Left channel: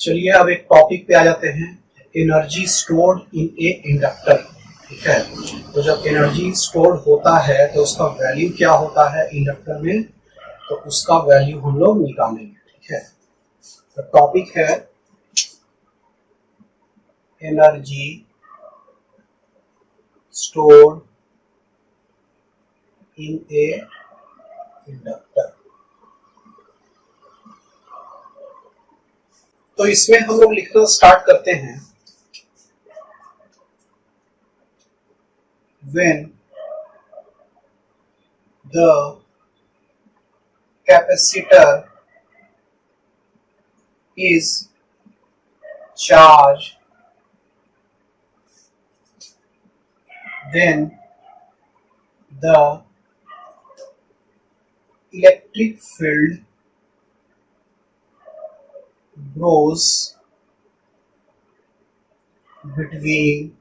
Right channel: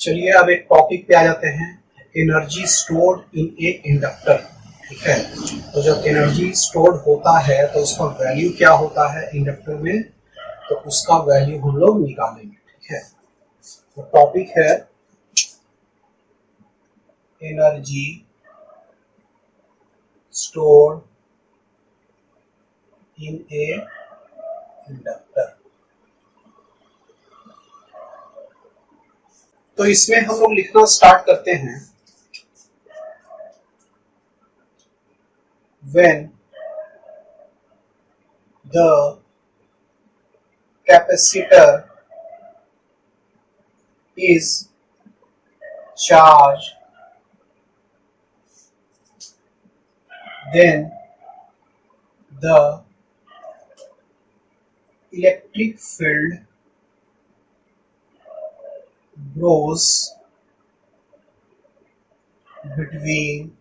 चलिए अब एक टॉपिक पे आ जाते हैं, energy stored in A inductor. ठीक है, तो जब एनर्जी स्टोर्ड होता है तो उसका वैल्यू क्या होता है इंडक्टर में, तो उसका वैल्यू हम लोग निकालेंगे। ठीक है, तो टॉपिक है energy stored in A inductor. तो इसमें हम लोग लिखना स्टार्ट करते हैं, when the capacitor is charged, then the electric field grows between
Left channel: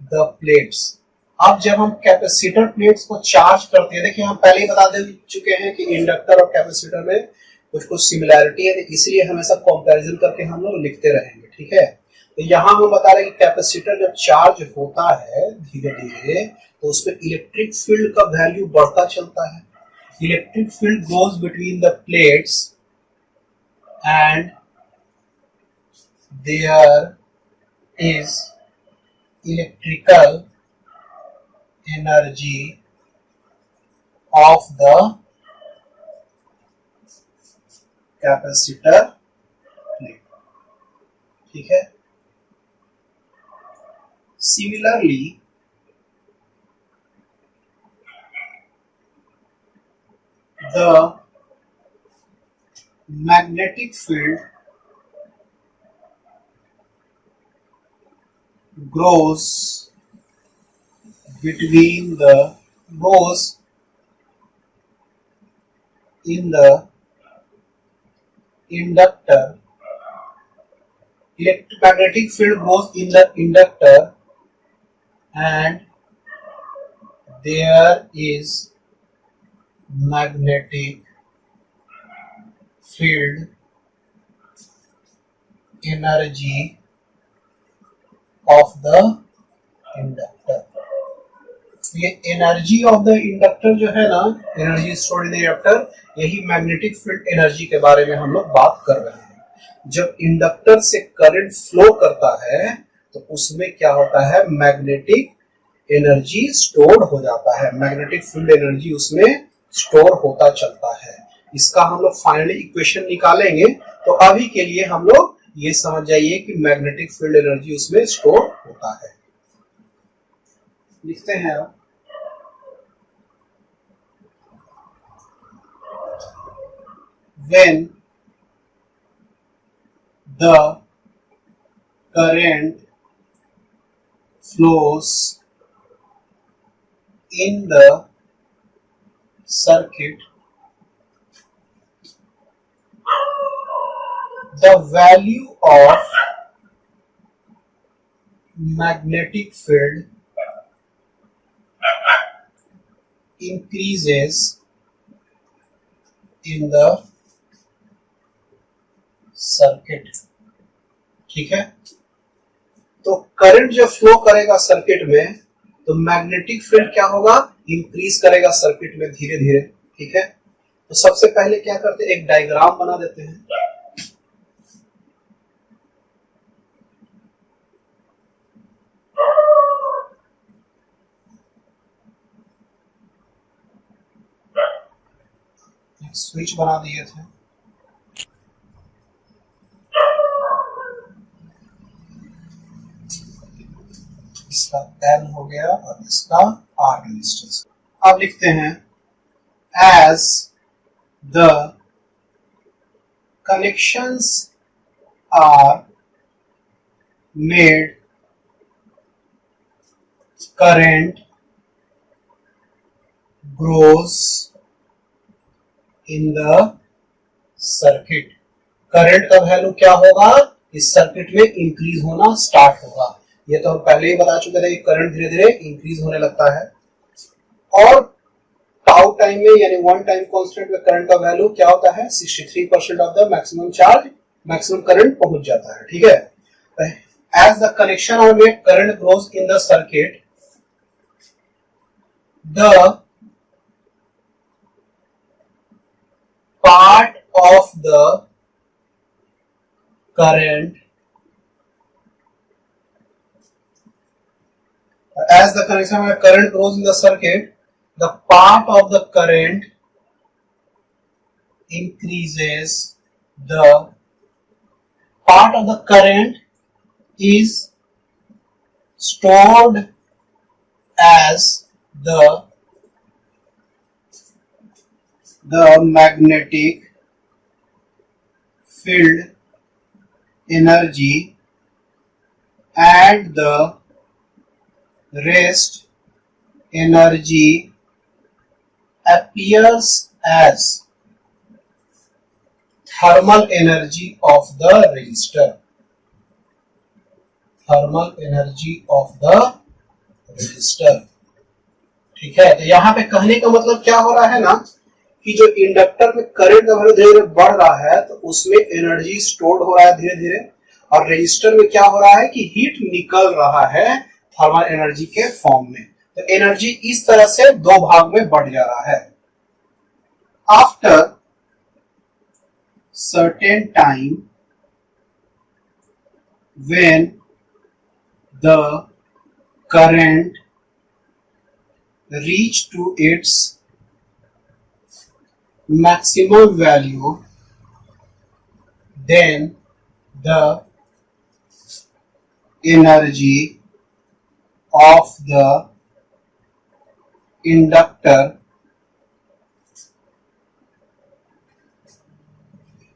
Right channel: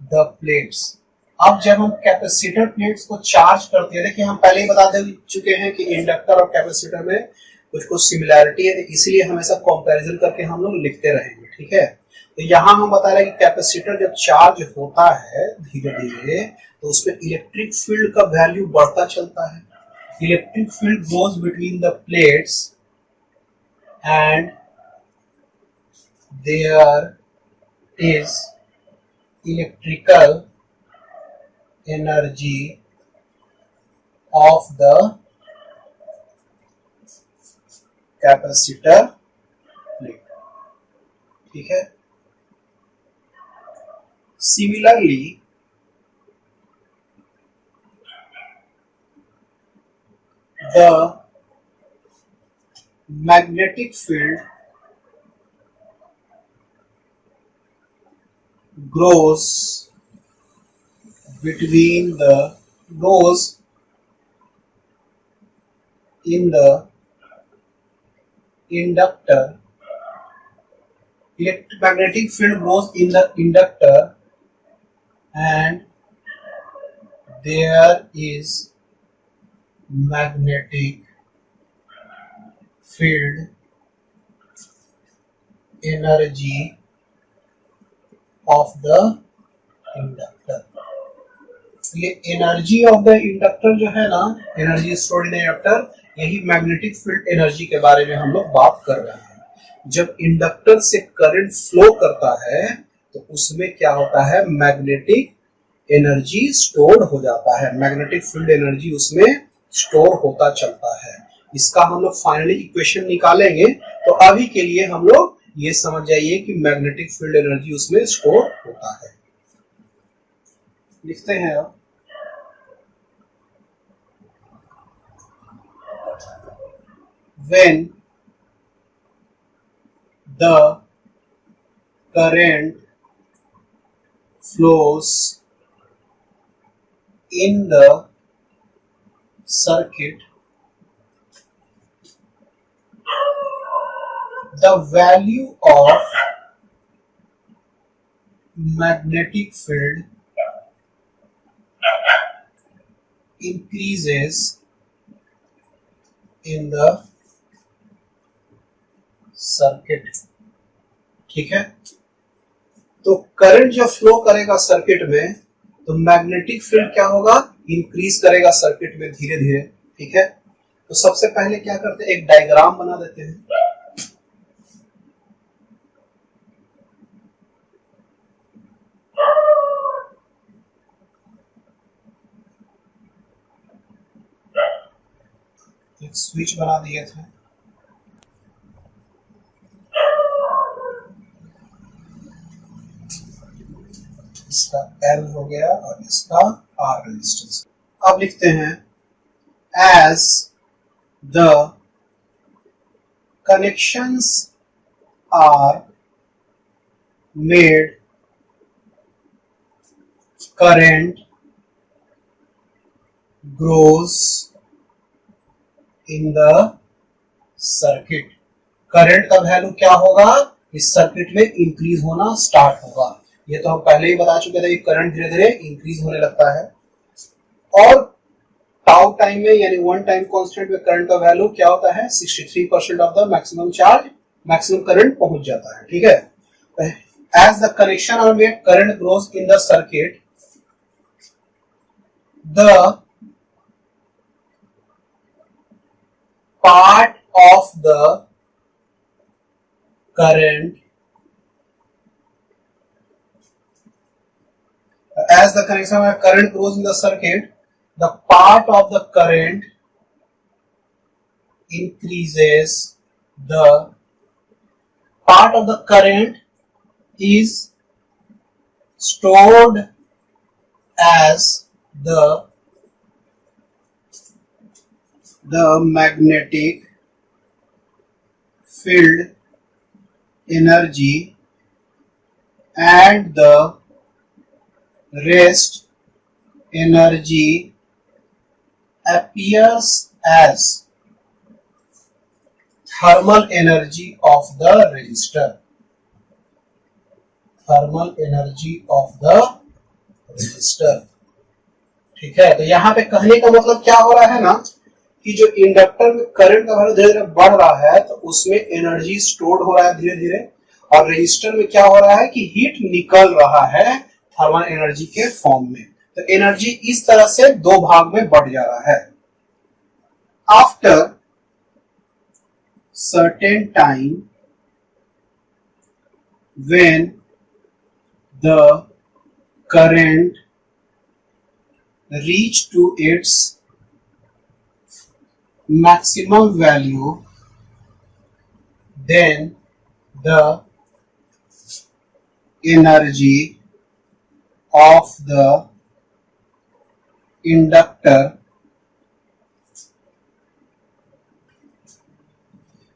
the plates। अब जब हम कैपेसिटर प्लेट्स को चार्ज करते हैं, देखिए हम पहले ही बता दे चुके हैं कि इंडक्टर और कैपेसिटर में कुछ कुछ सिमिलैरिटी है, तो इसलिए हमेशा कंपैरिजन करके हम लोग लिखते रहेंगे। ठीक है, तो यहाँ हम बता रहे हैं कि कैपेसिटर जब चार्ज होता है धीरे धीरे तो उसमें इलेक्ट्रिक फील्ड का वैल्यू बढ़ता चलता है। Electric field goes between the plates and there is electrical energy of the capacitor plate। ठीक है, similarly the magnetic field grows in the inductor। Electromagnetic field grows in the inductor and there is magnetic field energy of the inductor. ये energy of the inductor जो है ना, energy stored in inductor, यही magnetic field energy के बारे में हम लोग बात कर रहे हैं। जब इंडक्टर से करंट फ्लो करता है तो उसमें क्या होता है, मैग्नेटिक एनर्जी स्टोर्ड हो जाता है, मैग्नेटिक फील्ड एनर्जी उसमें स्टोर होता चलता है। इसका हम लोग फाइनली इक्वेशन निकालेंगे, तो अभी के लिए हम लोग ये समझ जाइए कि मैग्नेटिक फील्ड एनर्जी उसमें स्टोर होता है। लिखते हैं अब, when the current flows in the circuit, the value of magnetic field increases in the circuit। ठीक है, तो करंट जब फ्लो करेगा सर्किट में तो मैग्नेटिक फील्ड क्या होगा, इंक्रीज करेगा सर्किट में धीरे धीरे। ठीक है, तो सबसे पहले क्या करते हैं, एक डायग्राम बना देते हैं। एक स्विच बना दिए थे, इसका L हो गया और इसका R रेजिस्टेंस। अब लिखते हैं, as the connections are made, current grows in the circuit। Current का वैल्यू क्या होगा, इस सर्किट में इंक्रीज होना स्टार्ट होगा। ये तो हम पहले ही बता चुके थे कि करंट धीरे धीरे इंक्रीज होने लगता है, और टाउ टाइम में यानी वन टाइम कांस्टेंट में करंट का वैल्यू क्या होता है, 63% of the maximum charge maximum current पहुंच जाता है, ठीक है। As the connection of a current grows in the circuit, the part of the current as the connection of current grows in the circuit, the part of the current increases, the part of the current is stored as the magnetic field energy, and the rest energy appears as thermal energy of the resistor. Thermal energy of the resistor, ठीक है। तो यहाँ पे कहने का मतलब क्या हो रहा है ना, कि जो इंडक्टर में करंट का वैल्यू धीरे धीरे बढ़ रहा है तो उसमें एनर्जी स्टोर्ड हो रहा है धीरे धीरे, और रजिस्टर में क्या हो रहा है कि हीट निकल रहा है थर्मल एनर्जी के फॉर्म में। तो एनर्जी इस तरह से दो भाग में बढ़ जा रहा है। After certain time when the current reach to its maximum value, then the energy of the inductor,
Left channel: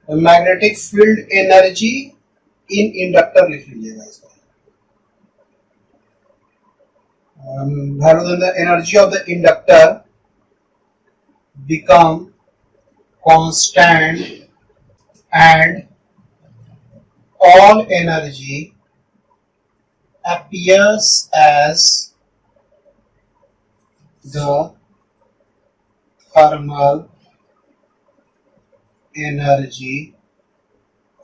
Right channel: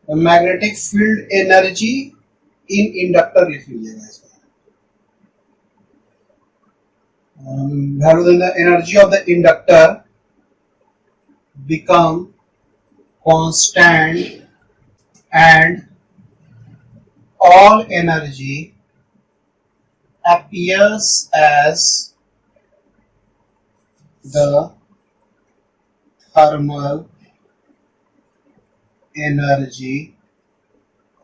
the magnetic field energy in inductor लिख लीजिएगा इसको, value then the energy of the inductor become constant and all energy appears as the thermal energy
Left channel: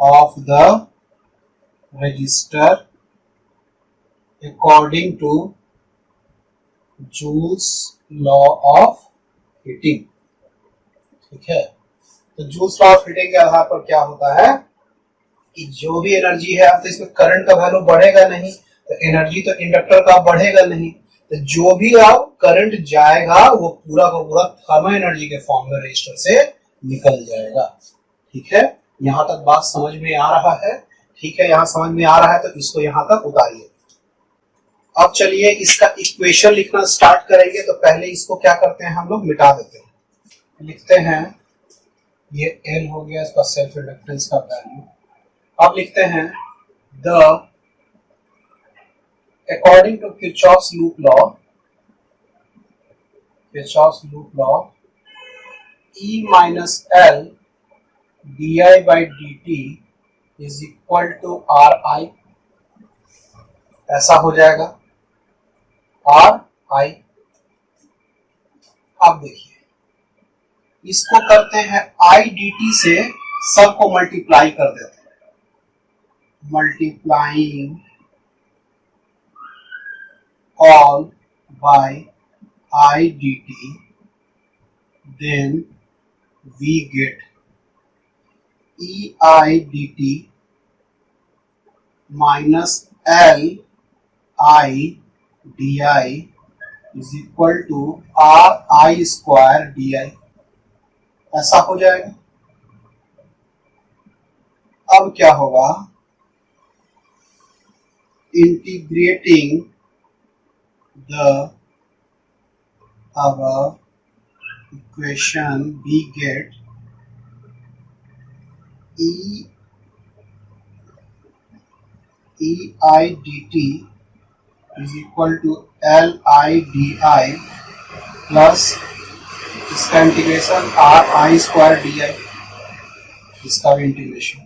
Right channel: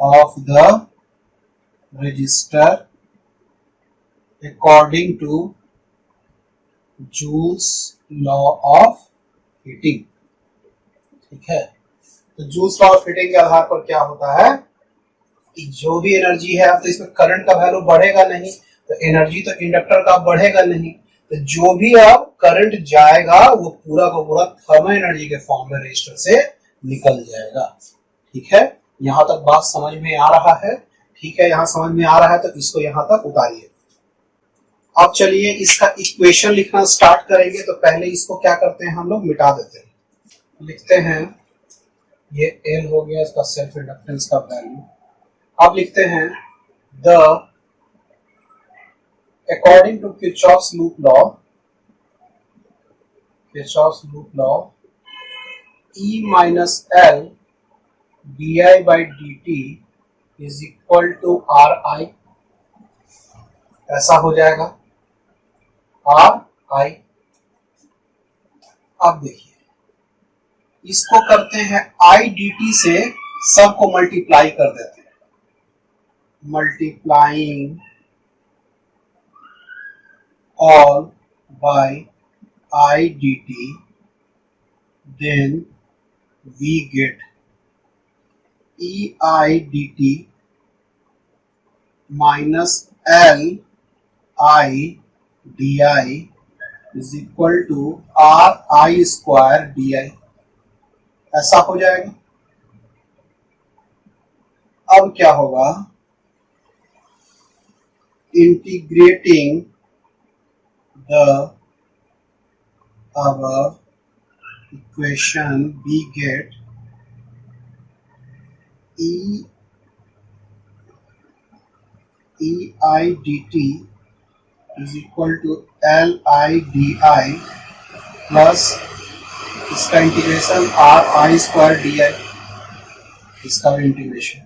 of the resistor according to Joule's law of heating, ठीक है। तो joules law of heating के आधार पर क्या होता है कि जो भी एनर्जी है, अब तो इसमें करंट का वैल्यू बढ़ेगा नहीं, तो एनर्जी तो इंडक्टर का बढ़ेगा नहीं, तो जो भी अब करंट जाएगा वो पूरा का पूरा थर्मल एनर्जी के फॉर्म में रजिस्टर से निकल जाएगा, ठीक है। यहां तक बात समझ में आ रहा है, ठीक है। यहां समझ में आ रहा है तो इसको यहां तक उतारिए। अब चलिए इसका इक्वेशन लिखना स्टार्ट करेंगे। तो पहले इसको क्या करते हैं, हम लोग मिटा देते हैं। लिखते हैं ये L हो गया इसका सेल्फ इंडक्टेंस का वैल्यू। अब लिखते हैं the according to Kirchhoff's loop law E minus L D I by D T is equal to R I, ऐसा हो जाएगा आर आई। अब देखिए इसको करते हैं आई डी टी से, सबको मल्टीप्लाई कर देते हैं, multiplying all by I D T, then we get E I D T minus L I D I is equal to R I square D I, ऐसा हो जाएगा। अब क्या होगा, integrating the above equation we get e I dt is equal to L I di plus इसका integration are I square D आई, इसका भी integration,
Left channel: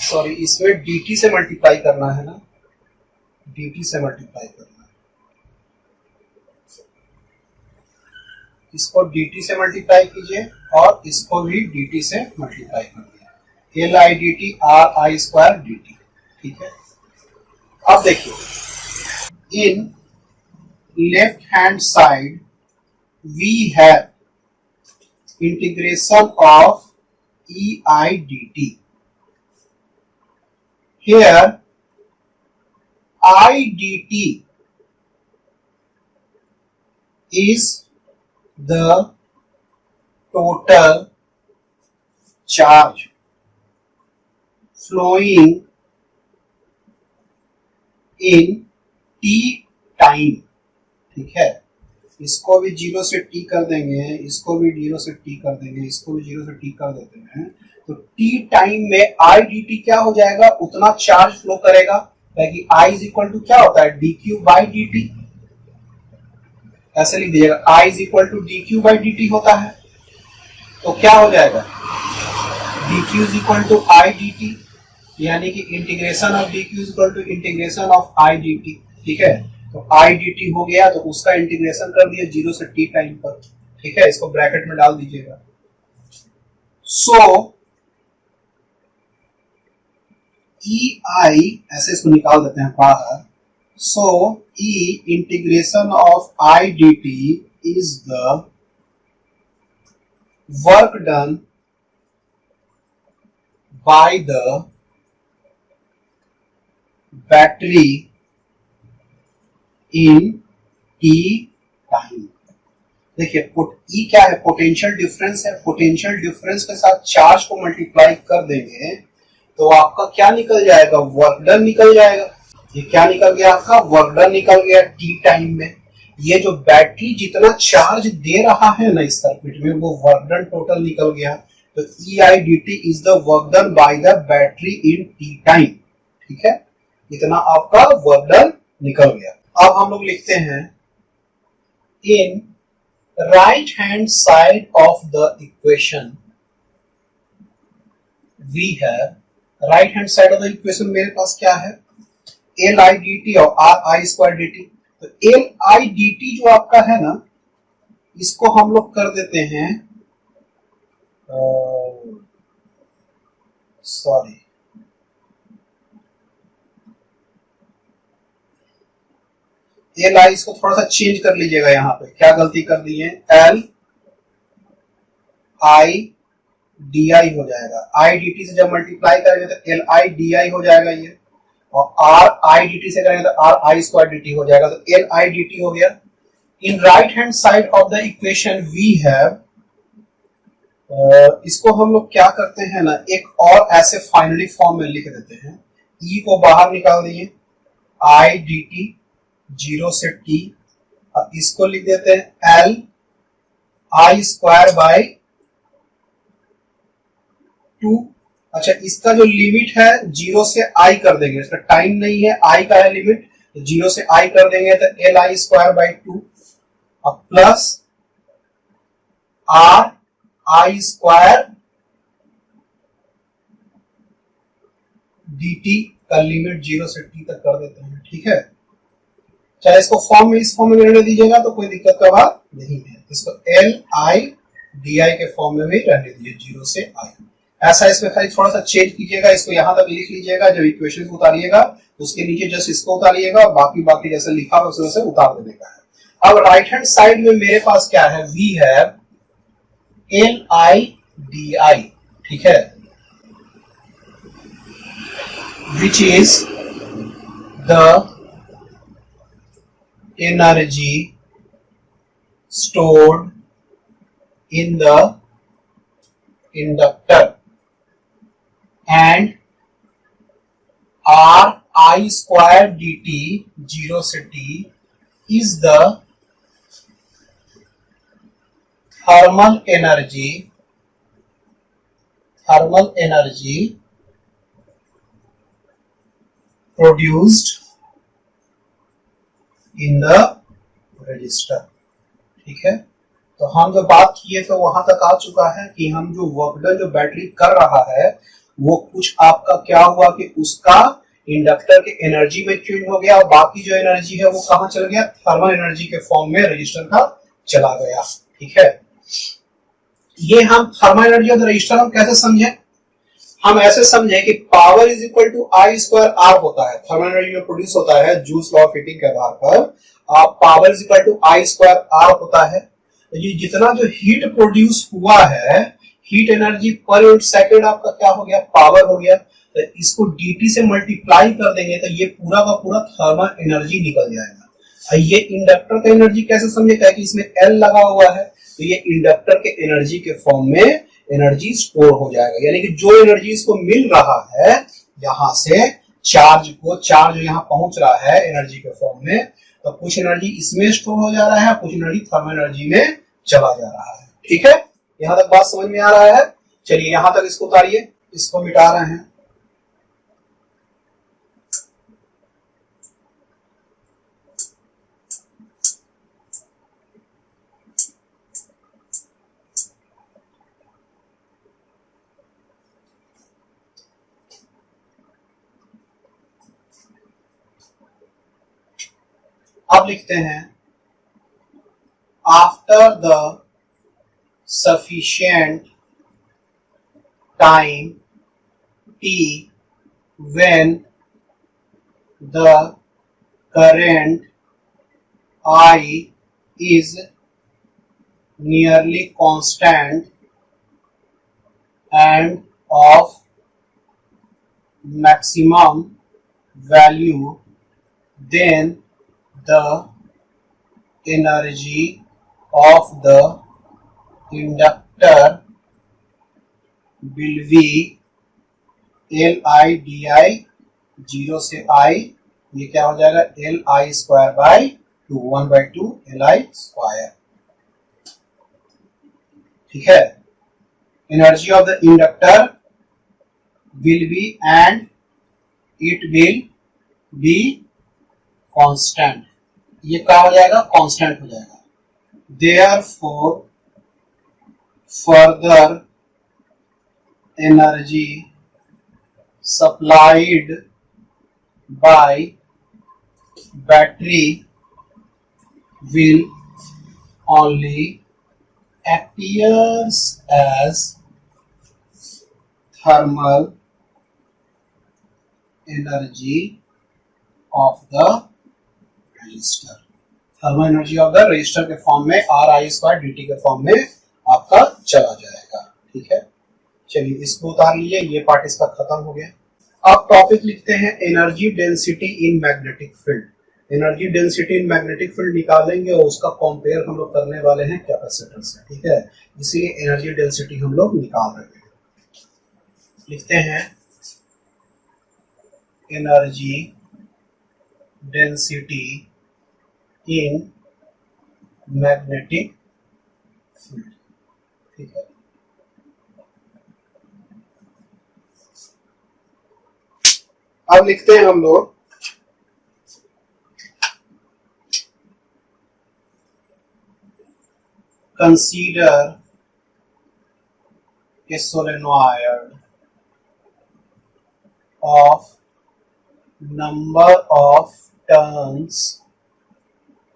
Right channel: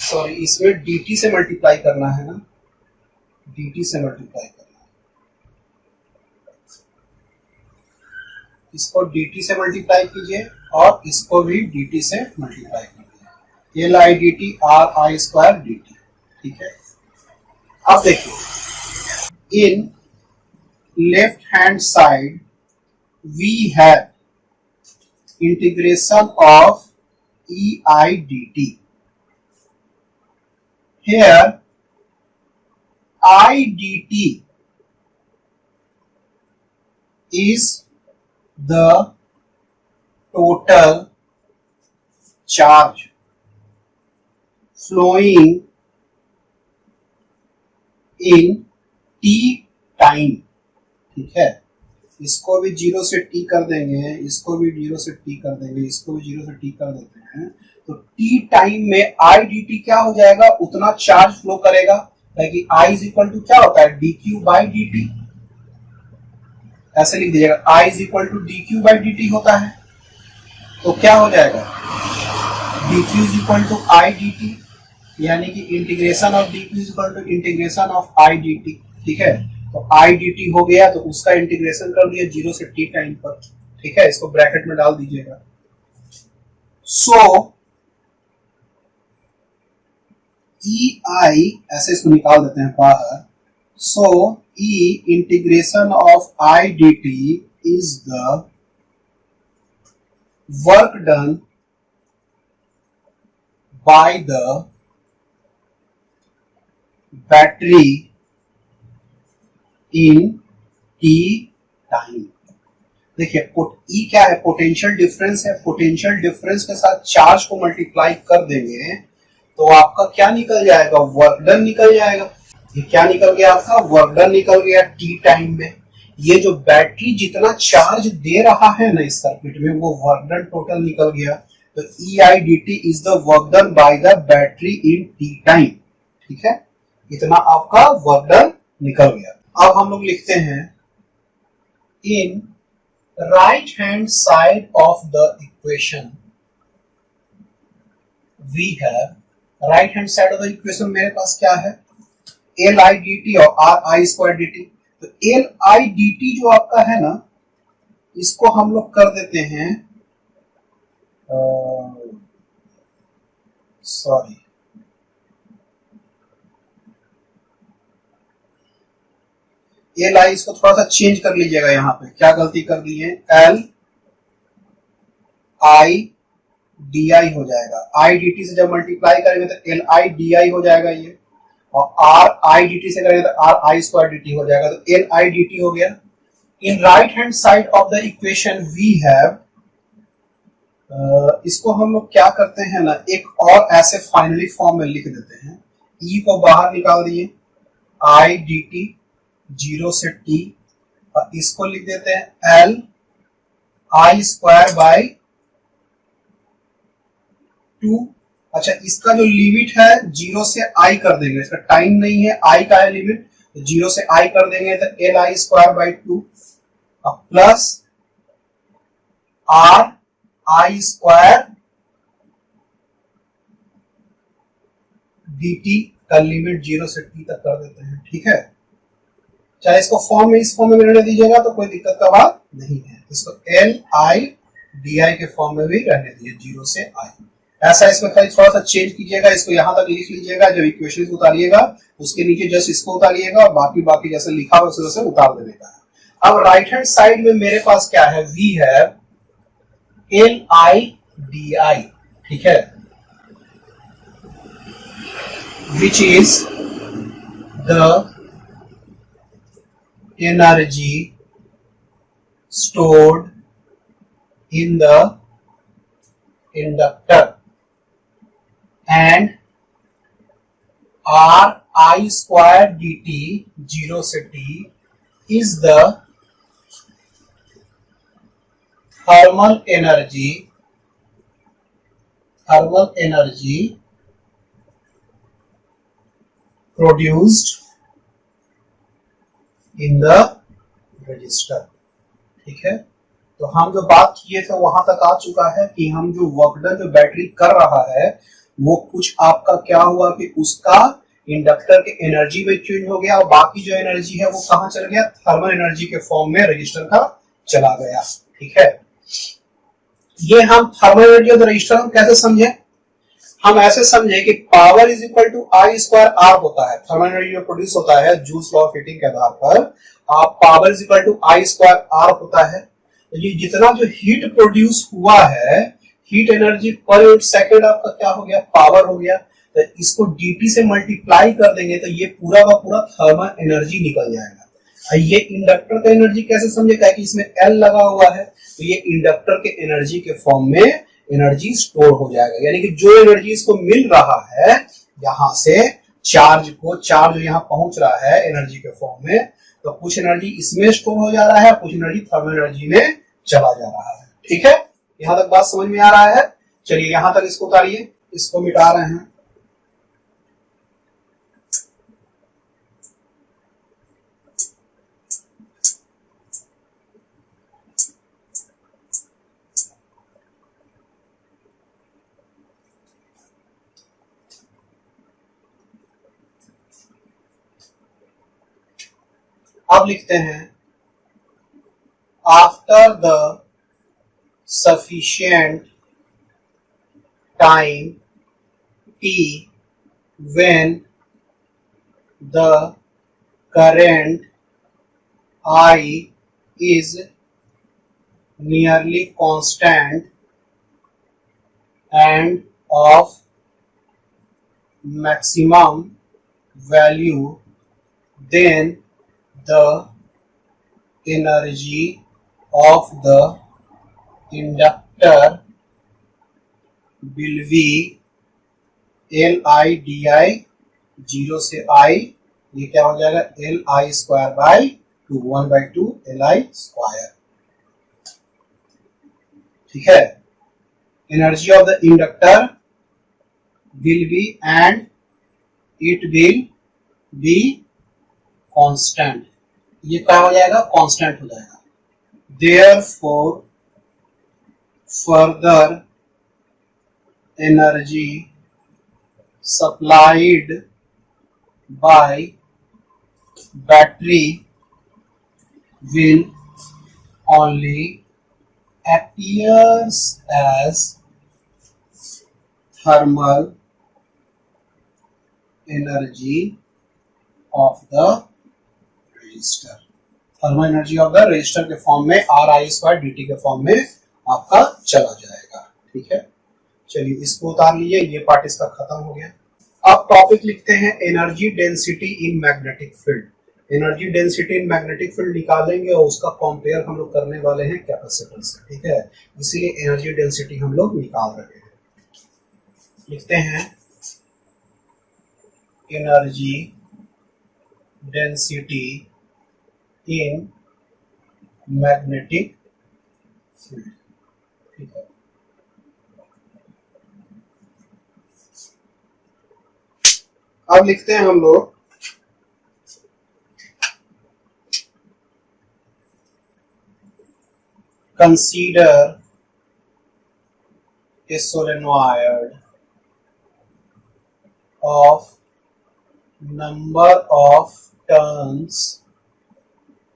sorry इसमें dt से मल्टीप्लाई करना है ना, dt से मल्टीप्लाई करना है, इसको dt से मल्टीप्लाई कीजिए और इसको भी dt से मल्टीप्लाई कर दिया। L I D T R I square D T. ठीक है, अब देखिए in left hand side we have integration of E I D T. Here I D T is the total charge flowing in t time। ठीक है, इसको भी 0 से t कर देंगे, इसको भी 0 से t कर देंगे, इसको भी 0 से t कर देते हैं, तो t टाइम में आई डी टी क्या हो जाएगा, उतना चार्ज फ्लो करेगा। ताकि I इज इक्वल टू क्या होता है, D Q by D T. ऐसे लिख दीजिएगा, I is equal to D Q by D T होता है। तो क्या हो जाएगा, D Q is equal to I D T, यानी कि integration of D Q is equal to integration of I D T. ठीक है, तो आई डी टी हो गया, तो उसका इंटीग्रेशन कर दिया 0 से t टाइम पर। ठीक है, इसको ब्रैकेट में डाल दीजिएगा। सो ई आई, ऐसे इसको निकाल देते हैं बाहर। So E integration of I D T is the work done by the battery in T time. देखिए ई क्या है, पोटेंशियल डिफरेंस है। पोटेंशियल डिफरेंस के साथ चार्ज को मल्टीप्लाई कर देंगे तो आपका क्या निकल जाएगा, वर्क डन निकल जाएगा। ये क्या निकल गया, आपका वर्क डन निकल गया टी टाइम में। ये जो बैटरी जितना चार्ज दे रहा है ना इस सर्किट में, वो वर्क डन टोटल निकल गया। तो E I D T is the work done by the battery in T time. ठीक है, इतना आपका वर्क डन निकल गया। अब हम लोग लिखते हैं in right hand side of the equation we have, right hand side of the equation मेरे पास क्या है, एल आई डी टी और R I square D T. तो एल आई डी टी जो आपका है ना, इसको हम लोग कर देते हैं, सॉरी एल आई, इसको थोड़ा सा चेंज कर लीजिएगा। यहाँ पे क्या गलती कर दी है, एल आई डी आई हो जाएगा। आई डी टी से जब मल्टीप्लाई करेंगे तो एल आई डी आई हो जाएगा ये, और आर आई डी टी से करेंगे तो R I square D T हो जाएगा। तो एल आई डी टी हो गया। In right hand side of the equation we have, इसको हम लोग क्या करते हैं ना, एक और ऐसे फाइनली फॉर्म में लिख देते हैं। ई को बाहर निकाल दिए, आई डी टी 0 से t, और इसको लिख देते हैं एल आई स्क्वायर बाई 2। अच्छा, इसका जो लिमिट है 0 से i कर देंगे, इसका टाइम नहीं है, i का है लिमिट, तो 0 से i कर देंगे तो एल आई स्क्वायर बाई 2 और plus are I square D T का लिमिट 0 से t तक कर देते हैं। ठीक है, चाहे इसको फॉर्म में, इस फॉर्म में रहने दीजिएगा तो कोई दिक्कत का बात नहीं है। इसको एल आई डी आई के फॉर्म में भी रहने दीजिए 0 से i। ऐसा इसमें खाली थोड़ा सा चेंज कीजिएगा, इसको यहां तक लिख लीजिएगा, जो इक्वेशन उतारिएगा उसके नीचे जस्ट इसको उतारिएगा, और बाकी जैसे लिखा हुआ वैसे उतार देने का है। अब राइट हैंड साइड में मेरे पास क्या है, we have L I D I. ठीक है, which is the energy stored in the inductor, and r I square dt 0 से t is the thermal energy produced in the register. ठीक है, तो हम जो बात किए थे वहां तक आ चुका है कि हम जो वर्क डन जो बैटरी कर रहा है वो कुछ आपका क्या हुआ कि उसका इंडक्टर के एनर्जी में चेंज हो गया, और बाकी जो एनर्जी है वो कहां चल गया, थर्मल एनर्जी के फॉर्म में रजिस्टर का चला गया। ठीक है, ये हम thermal energy of the resistor हम कैसे समझे, हम ऐसे समझे कि power is equal to I square R होता है, थर्मल एनर्जी जो प्रोड्यूस होता है जूल्स लॉ ऑफ हीटिंग के आधार पर power is equal to I square R होता है। तो ये जितना जो हीट प्रोड्यूस हुआ है, heat energy per unit second आपका क्या हो गया, पावर हो गया। तो इसको dt से मल्टीप्लाई कर देंगे तो ये पूरा का पूरा थर्मल एनर्जी निकल जाएगा। ये इंडक्टर का एनर्जी कैसे समझेगा कि इसमें L लगा हुआ है, तो ये इंडक्टर के एनर्जी के फॉर्म में एनर्जी स्टोर हो जाएगा। यानी कि जो एनर्जी इसको मिल रहा है यहां से चार्ज यहाँ पहुंच रहा है एनर्जी के फॉर्म में, तो कुछ एनर्जी इसमें स्टोर हो जा रहा है, कुछ एनर्जी थर्मल एनर्जी में चला जा रहा है। ठीक है, यहां तक बात समझ में आ रहा है। चलिए यहां तक इसको उतारिए, इसको मिटा रहे हैं। अब लिखते हैं after the sufficient time t when the current I is nearly constant and of maximum value, then the energy of the inductor will be LI/DI, 0 से I, ये क्या हो जाएगा LI square by 2, 1/2 LI square. ठीक है, energy of the inductor will be and it will be constant, ये क्या हो जाएगा कांस्टेंट हो जाएगा। Therefore further energy supplied by battery will only appears as thermal energy of the resistor, thermal energy of the register के form में RI square dt के form में आपका चला जाएगा। ठीक है, चलिए इसको उतार लीजिए, ये पार्ट इसका खत्म हो गया। अब टॉपिक लिखते हैं energy density in magnetic field. Energy density in magnetic field निकालेंगे और उसका कंपेयर हम लोग करने वाले हैं कैपेसिटर से। ठीक है, इसलिए एनर्जी डेंसिटी हम लोग निकाल रहे हैं। लिखते हैं energy density in magnetic field. ठीक है, अब लिखते हैं हम लोग consider a solenoid of number of turns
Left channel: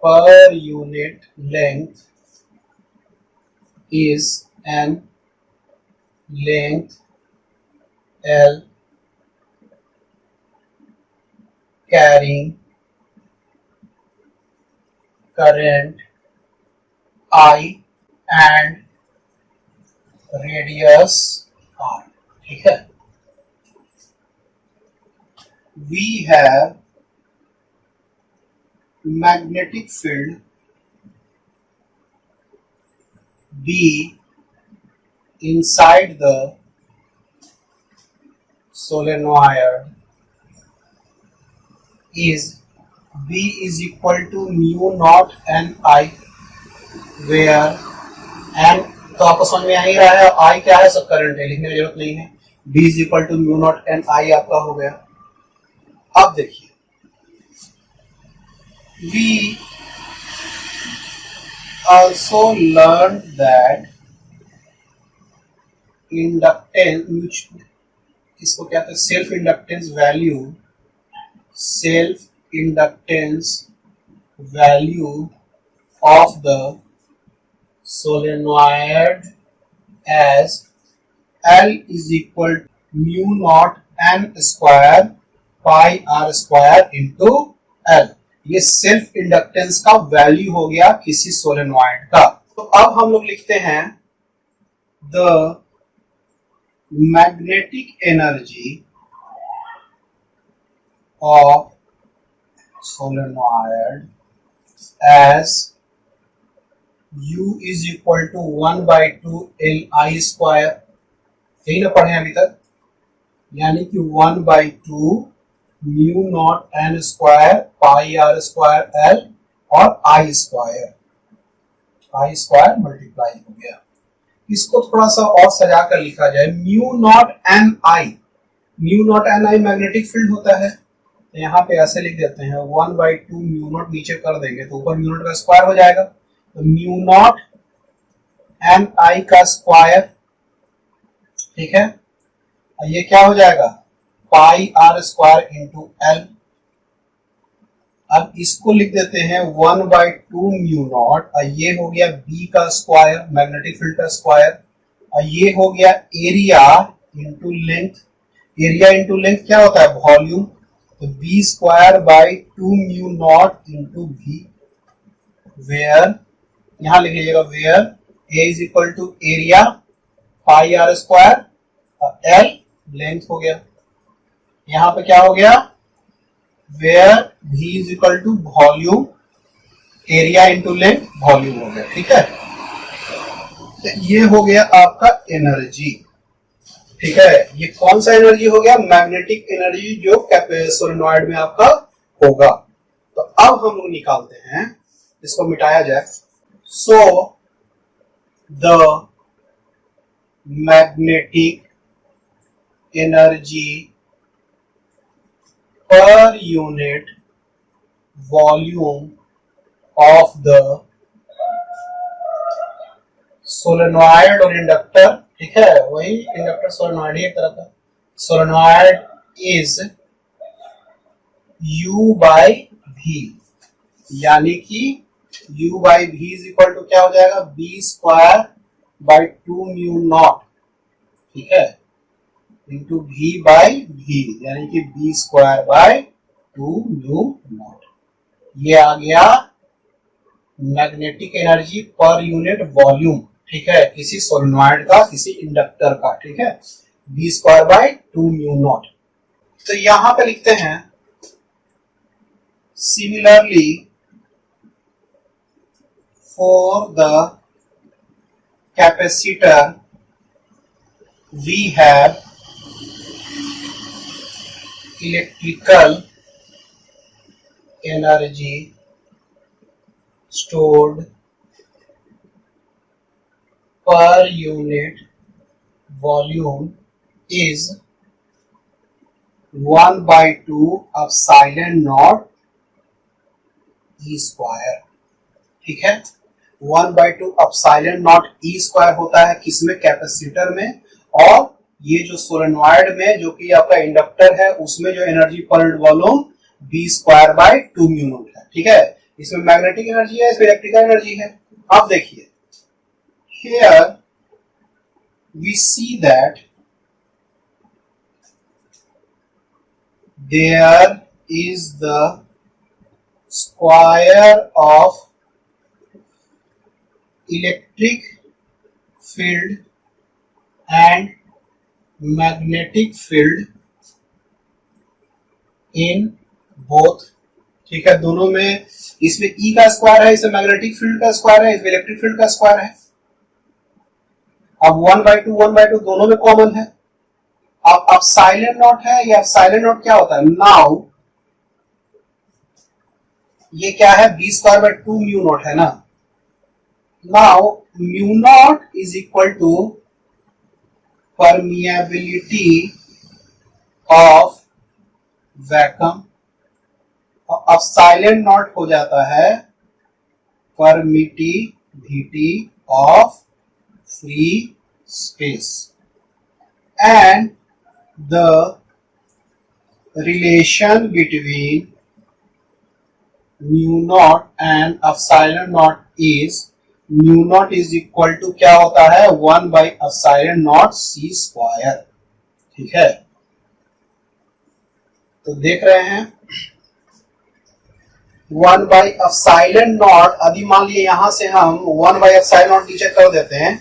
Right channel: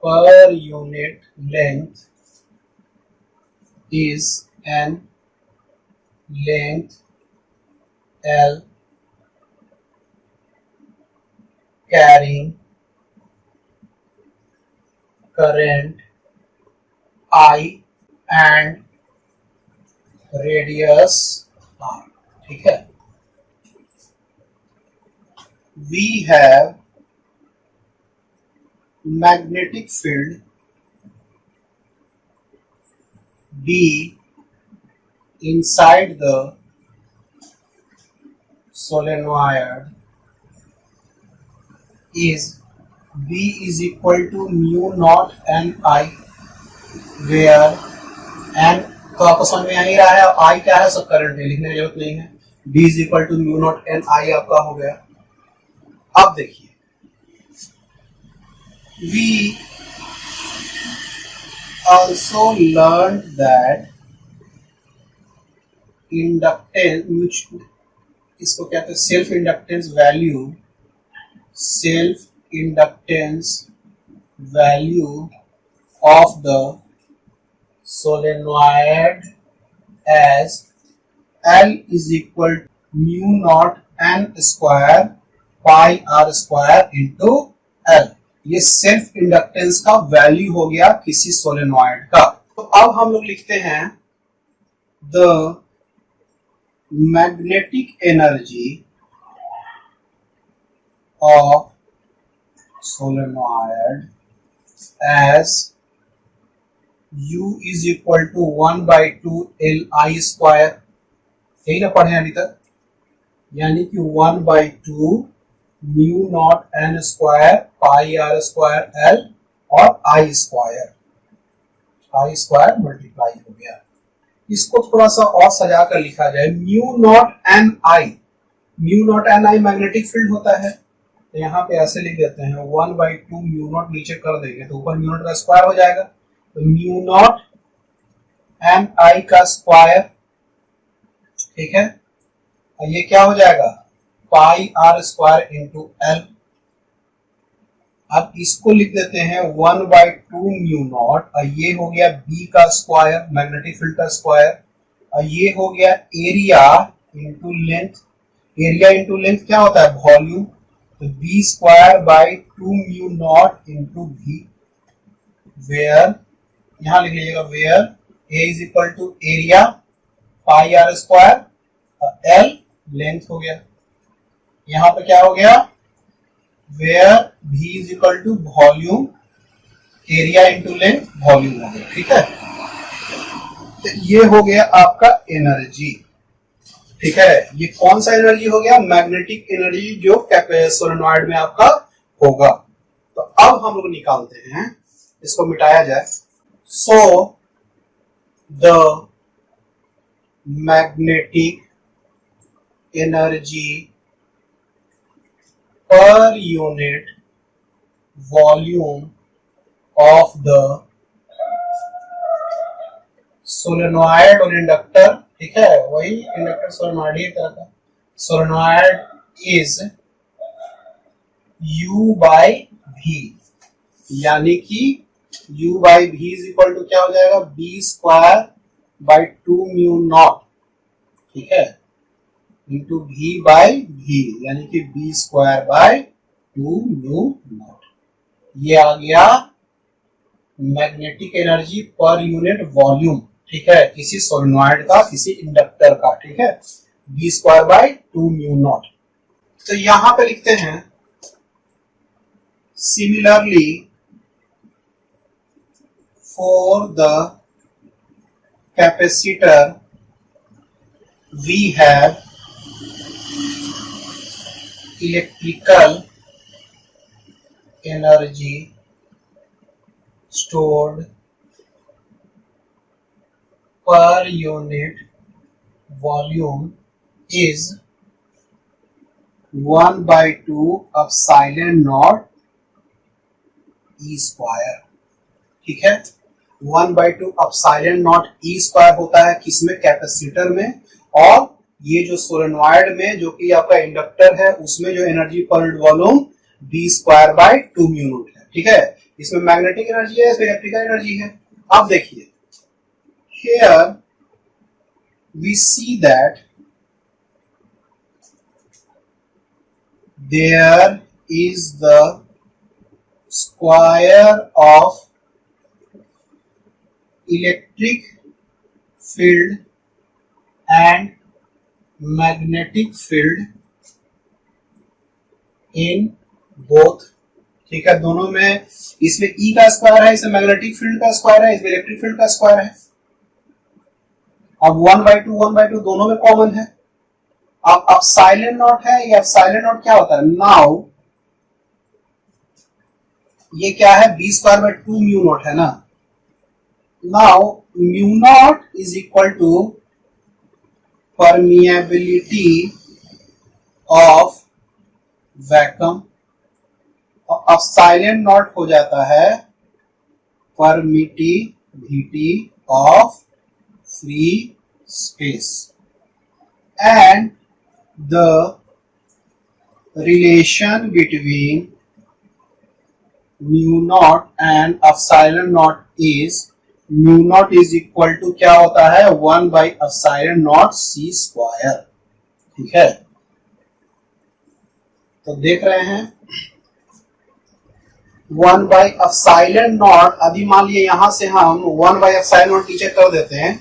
per unit length is an length L carrying current I and radius R। ठीक है, we have magnetic field B inside the solenoid is B is equal to mu naught n I, where n तो आपको समझ में आ ही रहा है, I क्या है, सब करंट है, लिखने की जरूरत नहीं है। B is equal to mu naught n I आपका हो गया। अब देखिए we also learned that inductance, इसको क्या कहते हैं, self inductance value, self inductance value of the solenoid as L is equal mu naught N square pi R square into L. ये सेल्फ इंडक्टेंस का वैल्यू हो गया किसी सोलेनॉइड का। तो अब हम लोग लिखते हैं the magnetic energy of solenoid as U is equal to 1/2 LI square. यही ना पढ़े अभी तक, यानी कि 1/2 mu naught N square pi R square L और आई स्क्वायर मल्टीप्लाई हो गया। इसको थोड़ा सा और सजा कर लिखा जाए, म्यू नॉट एन आई मैग्नेटिक फील्ड होता है, तो यहाँ पे ऐसे लिख देते हैं 1/2 म्यू नॉट, नीचे कर देंगे तो ऊपर म्यू नॉट का स्क्वायर हो जाएगा, तो म्यू नॉट एन आई का स्क्वायर, ठीक है। और ये क्या हो जाएगा, पाई आर स्क्वायर इंटू एल। अब इसको लिख देते हैं 1/2 म्यू नॉट, और ये हो गया बी का स्क्वायर, मैग्नेटिक फील्ड का स्क्वायर, और ये हो गया area into length. Area into length क्या होता है, वॉल्यूम, तो B square by 2 mu naught into V, where, यहां लिख लीजिएगा where A is equal to area pi R square और एल लेंथ हो गया। यहां पे क्या हो गया, where v is equal to volume, area into length, volume हो गया, ठीक है। तो ये हो गया आपका एनर्जी, ठीक है। ये कौन सा एनर्जी हो गया, मैग्नेटिक एनर्जी, जो सोलेनॉइड में आपका होगा। तो अब हम लोग निकालते हैं, इसको मिटाया जाए। So the magnetic energy per unit volume of the solenoid और इंडक्टर, ठीक है, वही इंडक्टर सोलेनॉइड ही एक तरह का, solenoid is U by V, यानी कि U by V is equal to क्या हो जाएगा, B square by 2 mu naught, ठीक है, इंटू V बाई V, यानी कि B square by 2 mu naught. ये आ गया magnetic energy per unit volume, ठीक है, किसी सोलेनॉइड का, किसी इंडक्टर का, ठीक है, B square by 2 mu naught. तो यहां पे लिखते हैं similarly for the capacitor we have electrical energy stored per unit volume is 1/2 epsilon naught E square, ठीक है। 1/2 epsilon naught E स्क्वायर होता है किसमें, कैपेसिटर में, और ये जो सोलेनॉइड में, जो कि आपका इंडक्टर है, उसमें जो energy per unit volume B square by 2 mu naught है, ठीक है। इसमें मैग्नेटिक एनर्जी है, इसमें इलेक्ट्रिकल एनर्जी है। अब देखिए, here we see that there is the square of electric field and magnetic field in both, ठीक है, दोनों में। इसमें E का स्क्वायर है, इसमें मैग्नेटिक फील्ड का स्क्वायर है, इसमें इलेक्ट्रिक फील्ड का स्क्वायर है। अब 1/2 दोनों में कॉमन है। अब साइलेंट नॉट है, या साइलेंट नॉट क्या होता है, नाउ ये क्या है, B square by 2 mu naught है ना। Now mu naught is equal to permeability of vacuum, और अब साइलेंट नॉट हो जाता है permittivity of free space, and the relation between mu naught and epsilon naught is, mu naught is equal to क्या होता है, 1/एप्सिलॉन नॉट C स्क्वायर, ठीक है, तो देख रहे हैं 1/एप्सिलॉन नॉट, अभी मान लिए यहां से हम 1/एप्सिलॉन नॉट नीचे कर देते हैं,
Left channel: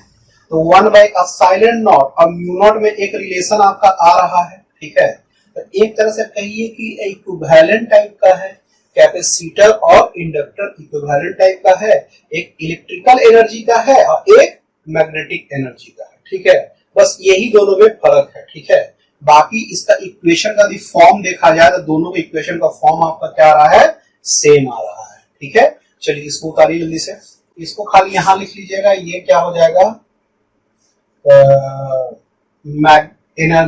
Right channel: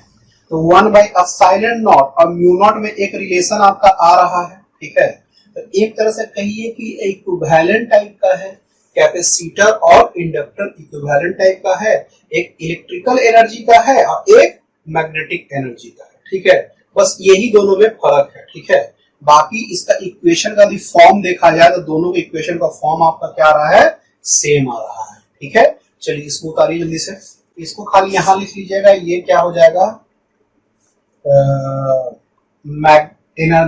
तो 1/एप्सिलॉन नॉट और म्यू नॉट में एक रिलेशन आपका आ रहा है, ठीक है। तो एक तरह से कहिए कि इक्विवेलेंट टाइप का है, कैपेसिटर और इंडक्टर इक्विवेलेंट टाइप का है, एक इलेक्ट्रिकल एनर्जी का है और एक मैग्नेटिक एनर्जी का है, ठीक है। बस यही दोनों में फर्क है, ठीक है। बाकी इसका इक्वेशन का भी फॉर्म देखा जाए तो दोनों के इक्वेशन का फॉर्म आपका क्या आ रहा है, सेम आ रहा है, ठीक है। चलिए इसको उतारिए जल्दी से, इसको खाली यहां लिख लीजिएगा, ये क्या हो जाएगा,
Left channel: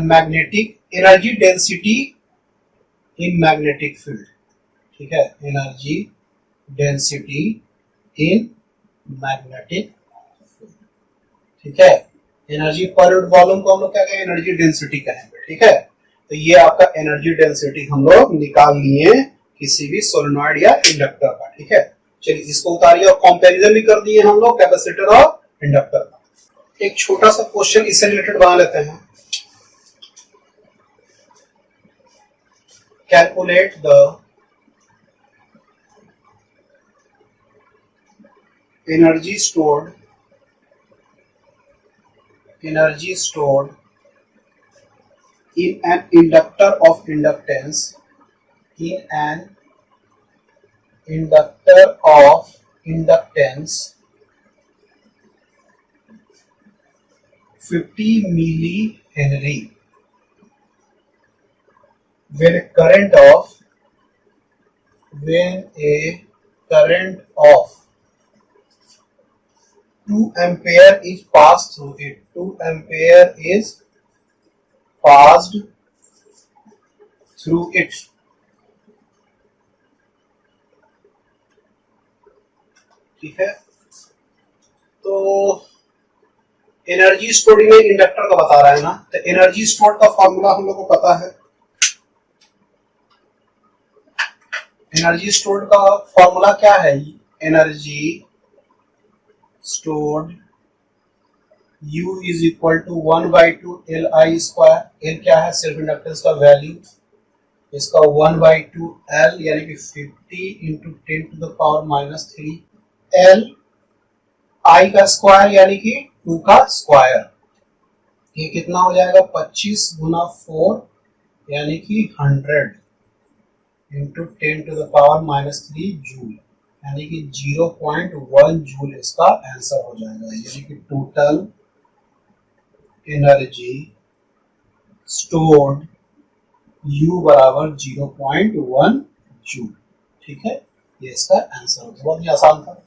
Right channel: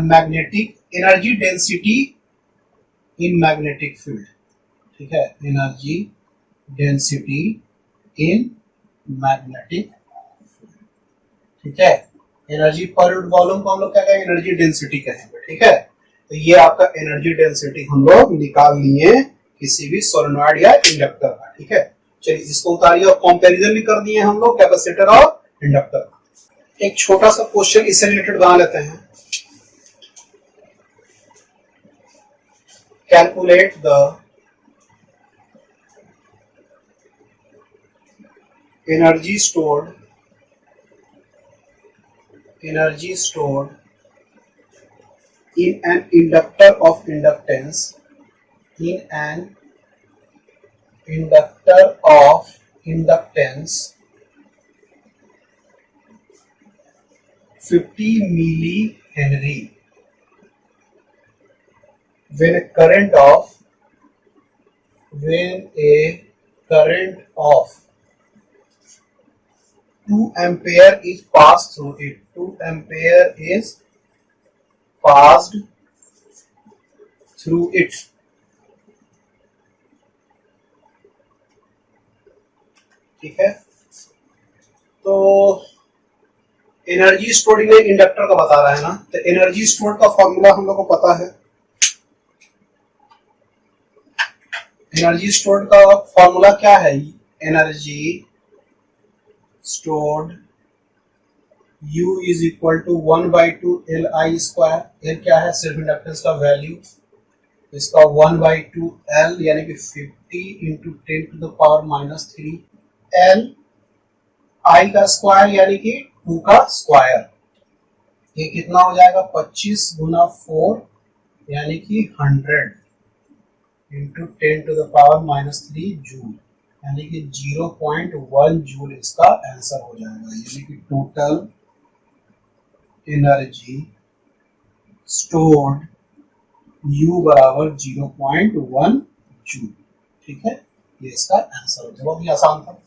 magnetic energy density in magnetic field, ठीक है, energy density in magnetic field, ठीक है। एनर्जी पर यूनिट वॉल्यूम को हम लोग क्या कहेंगे, एनर्जी डेंसिटी कहेंगे, ठीक है। तो ये आपका एनर्जी डेंसिटी हम लोग निकाल लिए किसी भी सोलेनॉइड या इंडक्टर का, ठीक है। चलिए इसको उतारिए और कंपैरिजन भी कर दिए हम लोग कैपेसिटर और इंडक्टर का। एक छोटा सा क्वेश्चन इससे रिलेटेड बना लेते हैं। Calculate the energy stored in an inductor of inductance, in an inductor of inductance 50 millihenry when a current of 2 ampere is passed through it. 2 ampere is passed through it. ठीक है, तो energy stored in inductor का बता रहा है ना, तो energy stored का फॉर्मूला हम लोग को पता है। एनर्जी स्टोर्ड का फॉर्मूला क्या है, energy stored U is equal to 1/2 Li square, L क्या है, सिर्फ इंडक्टेंस का वैल्यू, इसका 1/2 L यानी कि 50 इंटू 10⁻³ L I का स्क्वायर यानी कि 2 का स्क्वायर, ये कितना हो जाएगा 25 गुना 4 यानी कि 100 इंटू 10⁻³ जूल, यानी कि 0.1 जूल इसका आंसर हो जाएगा। यानी कि टोटल एनर्जी स्टोर्ड U बराबर 0.1 जूल, ठीक है, ये इसका आंसर हो गया। बहुत ही आसान था।